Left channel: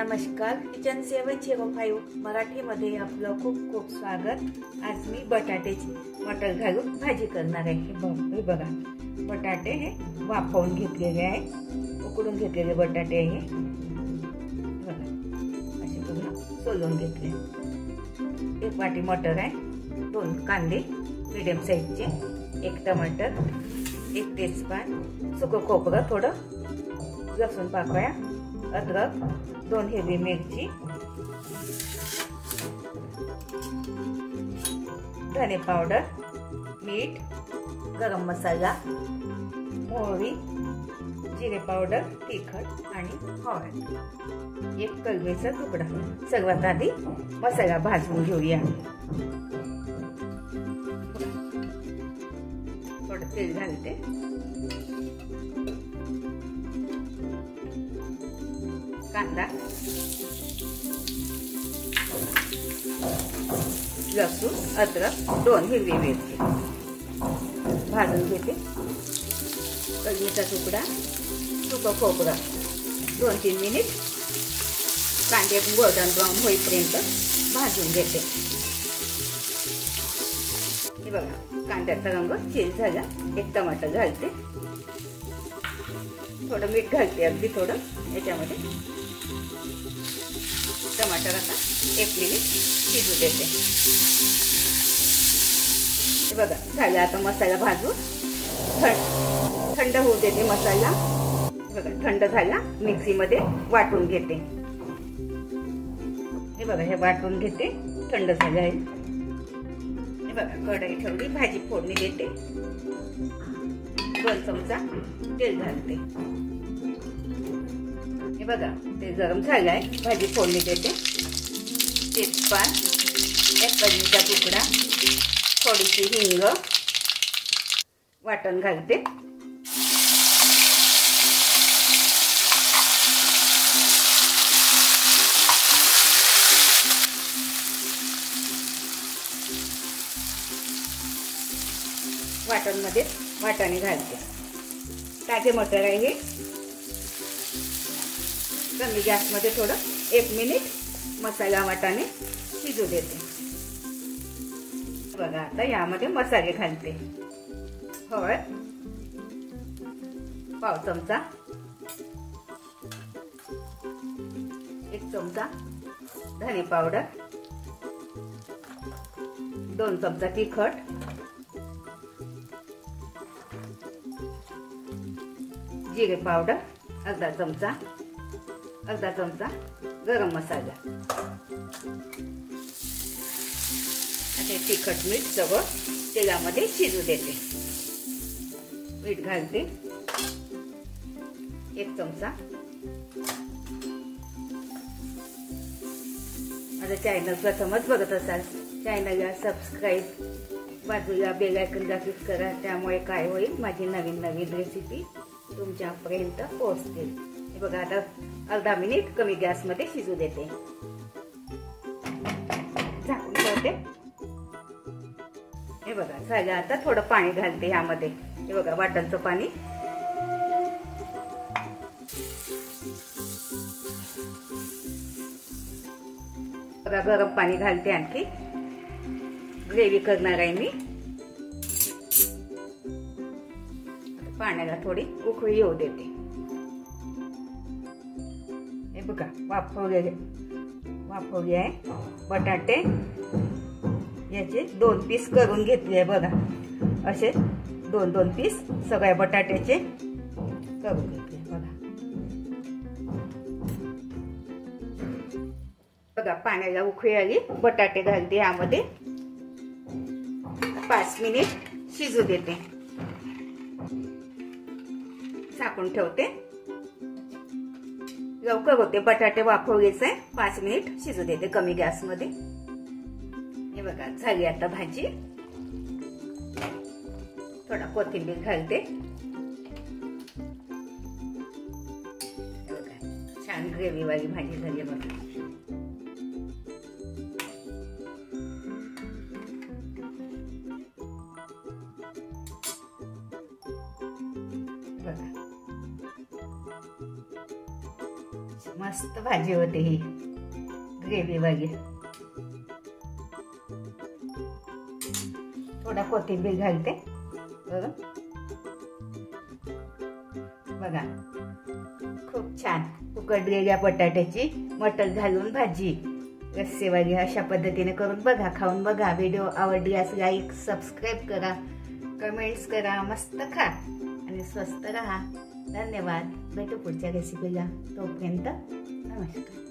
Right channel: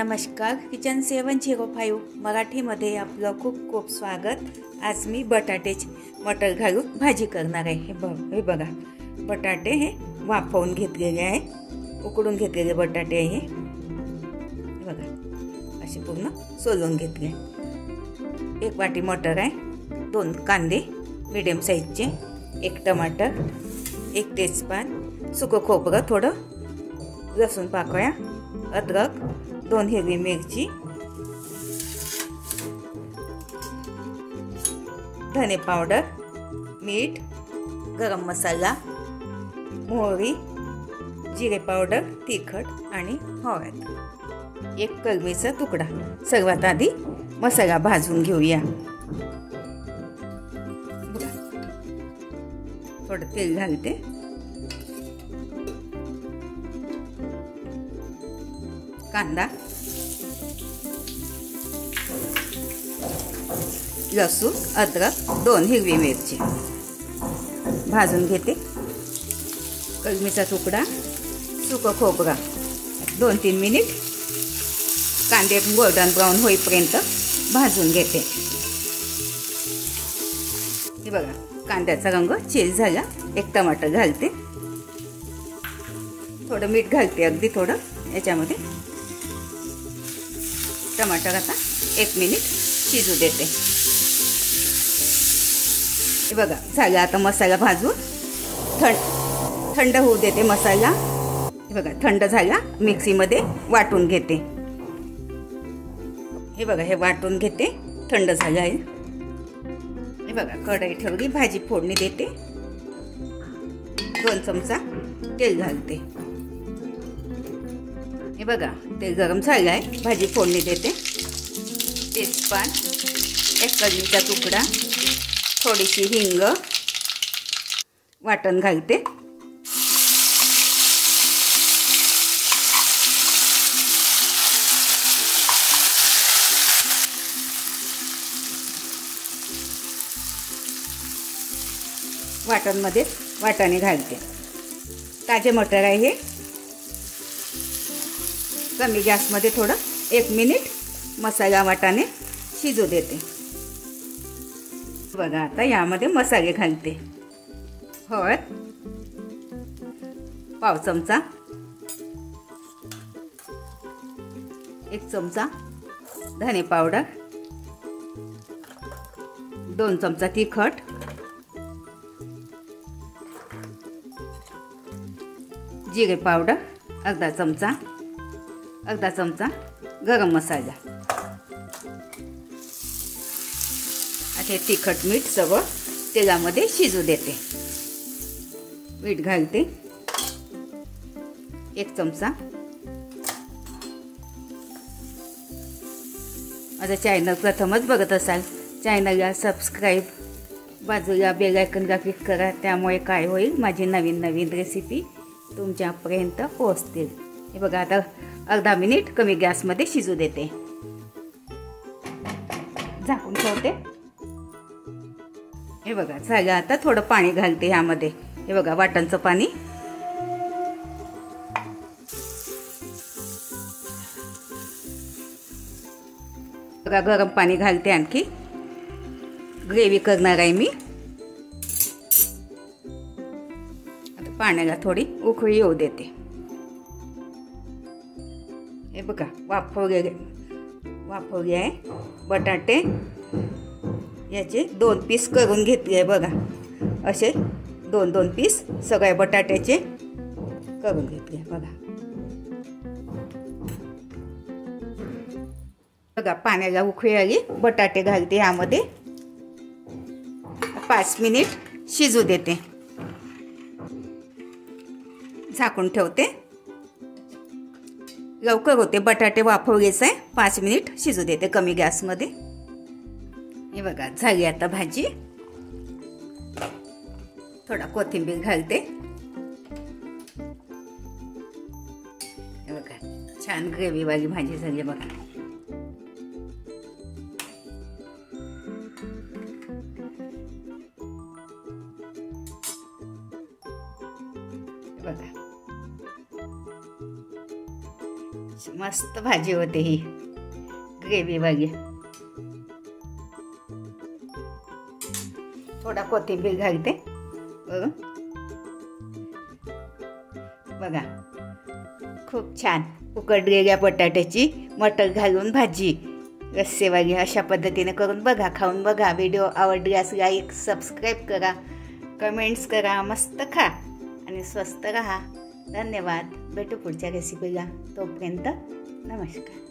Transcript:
नमस्कार, किचन 705 मराठीमध्ये आपलं खूप खूप स्वागत। आज मी बटाट्याची मटर घालून भाजी करणार आहे। हे बघा, बटाटे हे वाफवून घेतलेले आहे, उकडून घेतलेले बटाटे आहे। बघा, असे पूर्ण सोलून घेतले। एक वाटी मटर आहे, 2 कांदे मीडियम साईजचे, 1 टमाटर, 1 तेजपान, सुकं खोबरं थोडं, लसूण पाकळ्या, अद्रक, 2 हिरवी मिरची, धने पावडर, मीठ, गरम मसाला, मोहरी, जिरे पावडर, तिखट आणि हळद, 1 कलमीचा तुकडा। सर्वात आधी मसाला भाजून घेऊया। थोडं तेल घालते, कांदा, लसूण, अद्रक, 2 हिरवी मिरची भाजून घेते। कलमीचा तुकडा, सुकं खोबरं 2-3 मिनिट कांदे गोल्डन ब्राऊन होईपर्यंत भाजून घेते। हे बघा, कांद्याचा रंग चेंज झाला। 1 टमाटर घालते, थोडं मीठ घालते, अगदी थोडं याच्यामध्ये। टमाटर आता 1 मिनिट शिजू देते। हे बघा, झाला। आता मसाला भाजून थंड होऊ देते मसाला। हे बघा, थंड झाला, मिक्सीमध्ये वाटून घेते। हे बघा, हे वाटून घेते, थंड झालं आहे। हे बघा, कढई ठेवली, भाजी फोडणी देते। 2 चमचा तेल घालते। हे बघा, तेल गरम झालं आहे, भाजी फोडणी देते। तेजपान, 1 कलमीचा तुकडा, थोडीशी हिंग, वाटण घालते। वाटणमध्ये वाटाणे घालते। ताजे मटर आहे हे। कमी गॅसमध्ये थोडं 1 मिनिट मसाला वाटाणे शिजू देते। बघा, आता यामध्ये मसाले घालते। हळद पाव चमचा, 1 चमचा धने पावडर, 2 चमचा तिखट, जिरे पावडर अर्धा चमचा गरम मसाला, असे तिखट मीठ सगळं तेलामध्ये शिजू देते। मीठ घालते 1 चमचा। माझं चॅनल प्रथमच बघत असाल, चॅनलला सबस्क्राईब, बाजूला बेल आयकॉनला क्लिक करा, त्यामुळे काय होईल, माझी नवीन रेसिपी तुमच्यापर्यंत पोहोचतील। हे बघा, आता अर्धा मिनिट कमी गॅसमध्ये शिजू देते, झाकून ठेवते। हे बघा, झालं। आता थोडं पाणी घालते ह्यामध्ये। हे बघा, वाटणचं पाणी। बघा, गरम पाणी घालते, आणखी ग्रेव्ही करणार आहे मी। आता पाण्याला थोडी उकळी येऊ देते। हे बघा, वाफवले आहे बटाटे। याचे 2 पीस करून घेतले। बघा, असे 2 पीस सगळ्या बटाट्याचे करून घेतले। बघा, पाण्याला उकळी आली, बटाटे घालते ह्यामध्ये। 5 मिनिट शिजू देते, झाकून ठेवते। लवकर होते, बटाटे वाफवलेच आहे। 5 मिनिट शिजू देते कमी गॅसमध्ये। हे बघा, झाली आता भाजी। थोडा कोथिंबीर घालते। हे बघा, छान ग्रेव्ही वाली भाजी झाली बघा। बघा, मस्त भाजी होते ही ग्रेव्ही वाली. थोडा कोथिंबीर घालते बघा. खूप छान उकडलेल्या बटाट्याची मटर घालून भाजी रस्सेवाली. अशा पद्धतीने करून बघा, खाऊन बघा. व्हिडिओ आवडल्यास लाईक सबस्क्राईब करा, कमेंट्स करा. मस्त खा आणि स्वस्त राहा. धन्यवाद. भेटू पुढच्या रेसिपीला. तोपर्यंत नमस्कार.